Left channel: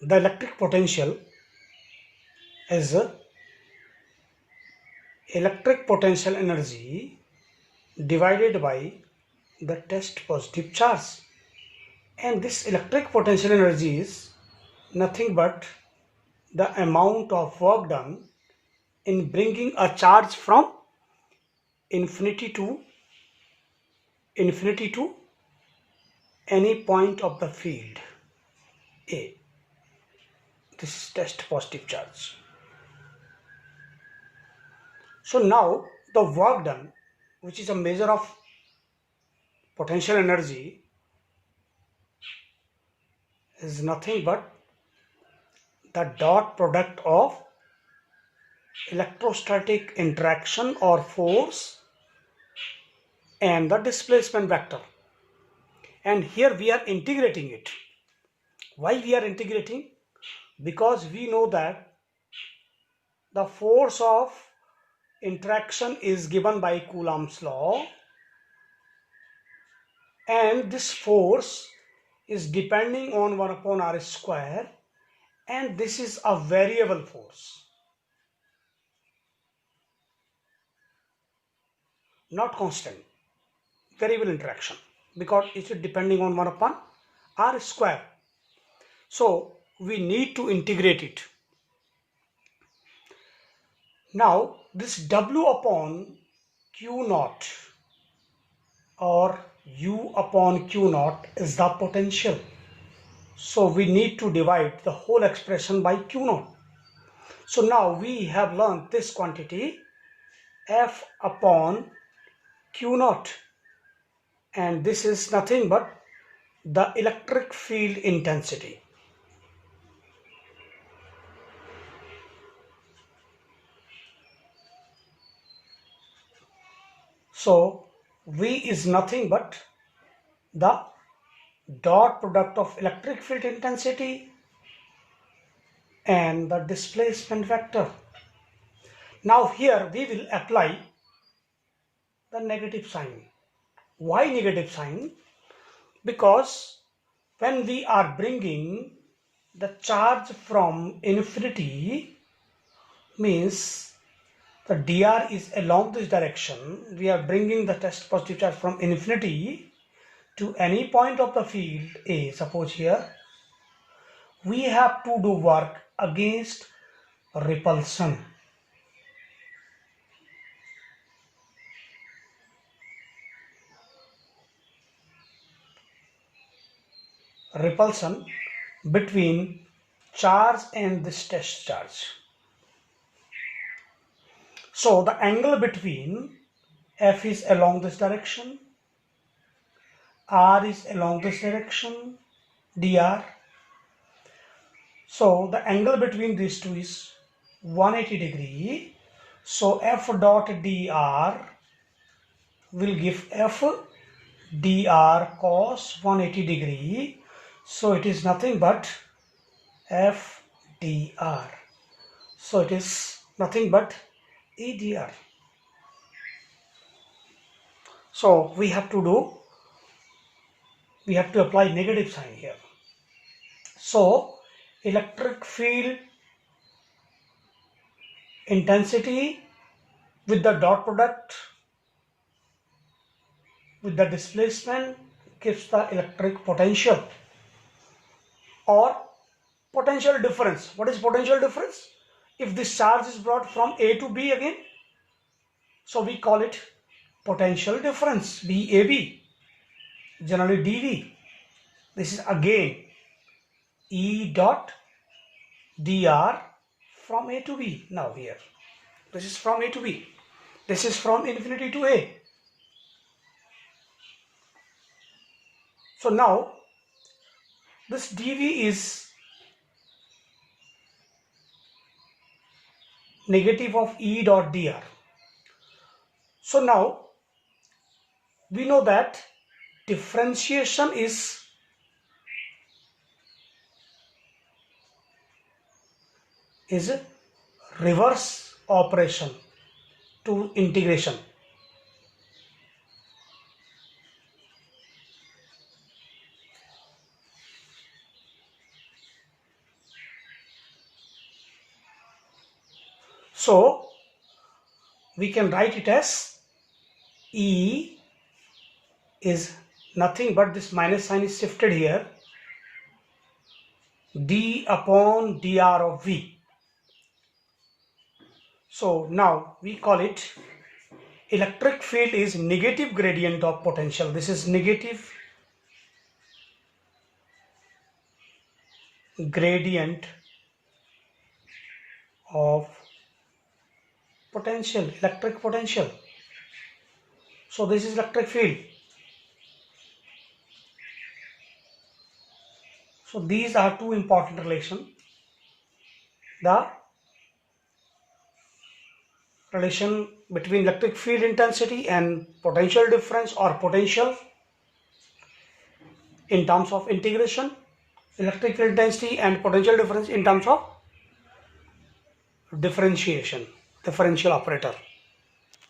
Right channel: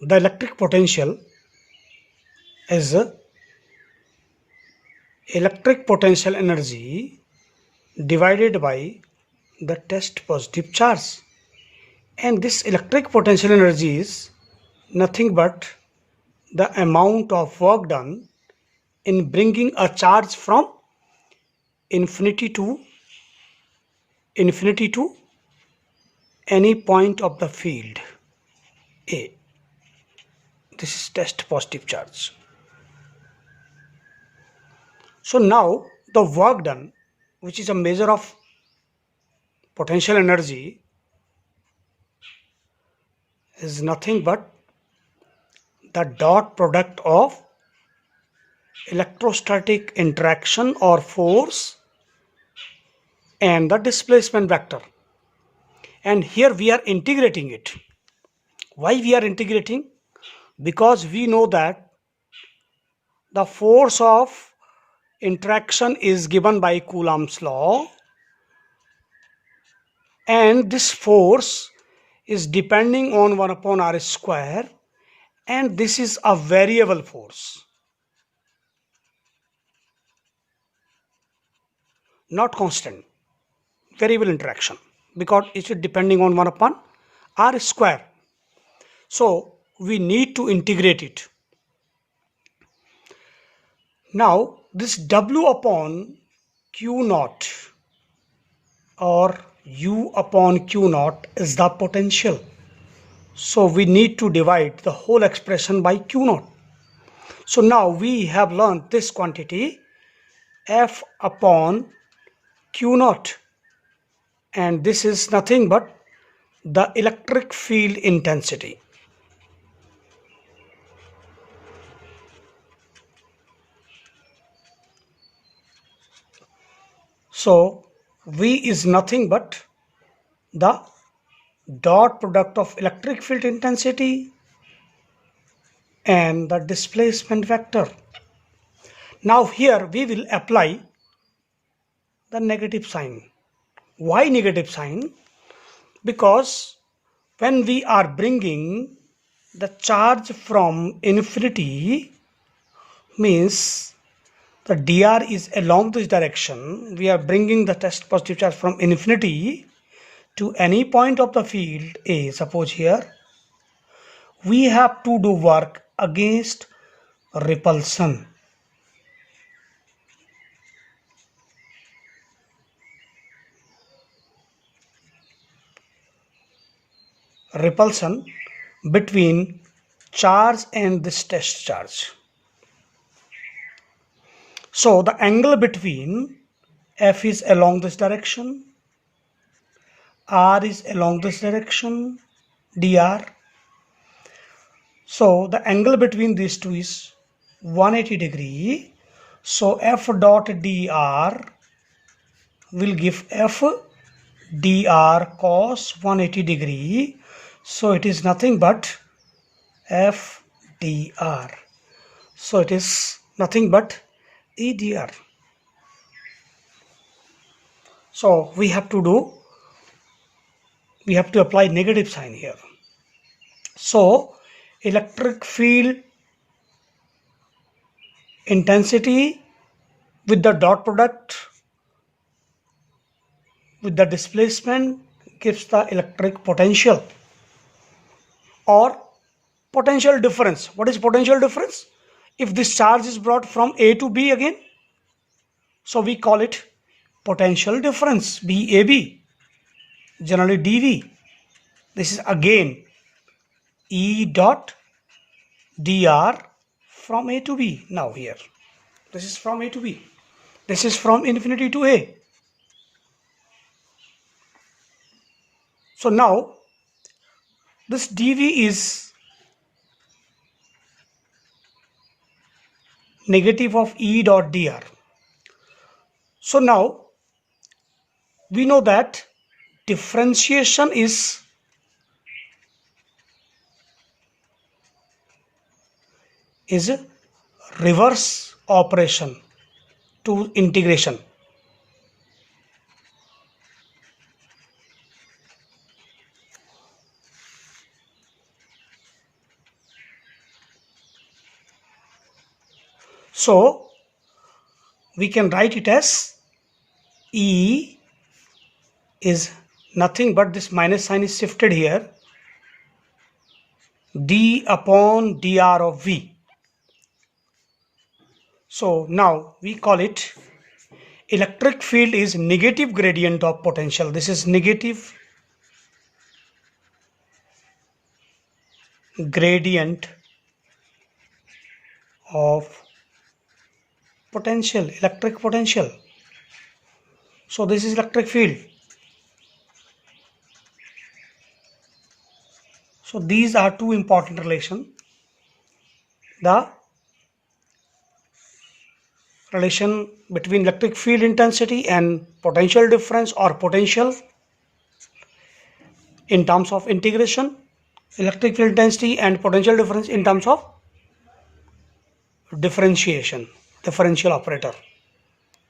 The electric potential is electric potential energy divided by the test positive charge. And this electric potential energy is nothing but the amount of work done in bringing a charge from infinity to infinity to any point of the field A. This is test positive charge. So now the work done, which is a measure of potential energy, is nothing but the dot product of electrostatic interaction or force and the displacement vector. And here we are integrating it. Why we are integrating? Because we know that the force of interaction is given by Coulomb's law, and this force is depending on 1 upon r square, and this is a variable force, not constant, variable interaction, because it is depending on 1 upon r square. So we need to integrate it. Now this W upon Q naught or U upon Q naught is the potential. So we need to divide the whole expression by Q naught. So now we have learned this quantity F upon Q naught, and this is nothing but the electric field intensity. So V is nothing but the dot product of electric field intensity and the displacement vector. Now here we will apply the negative sign. Why negative sign? Because when we are bringing the charge from infinity, means the dr is along this direction, we are bringing the test positive charge from infinity to any point of the field A. Suppose here we have to do work against repulsion. Repulsion between charge and this test charge. So the angle between F is along this direction, R is along this direction, dr. So the angle between these two is 180 degree. So F dot dr will give F dr cos 180 degree. So it is nothing but F dr. So it is nothing but E dr. So we have to apply negative sign here. So electric field intensity with the dot product with the displacement gives the electric potential or potential difference. What is potential difference? If this charge is brought from A to B again, so we call it potential difference, BAB, generally dV. This is again E dot dr from A to B. Now here, this is from A to B. This is from infinity to A. So now this dV is negative of E dot dr. So now we know that differentiation is a reverse operation to integration. So we can write it as E is nothing but this minus sign is shifted here, d upon dr of V. So now we call it electric field is negative gradient of potential. This is negative gradient of potential, electric potential. So this is electric field. So these are two important relations. The relation between electric field intensity and potential difference or potential in terms of integration, electric field intensity and potential difference in terms of differentiation, differential operator.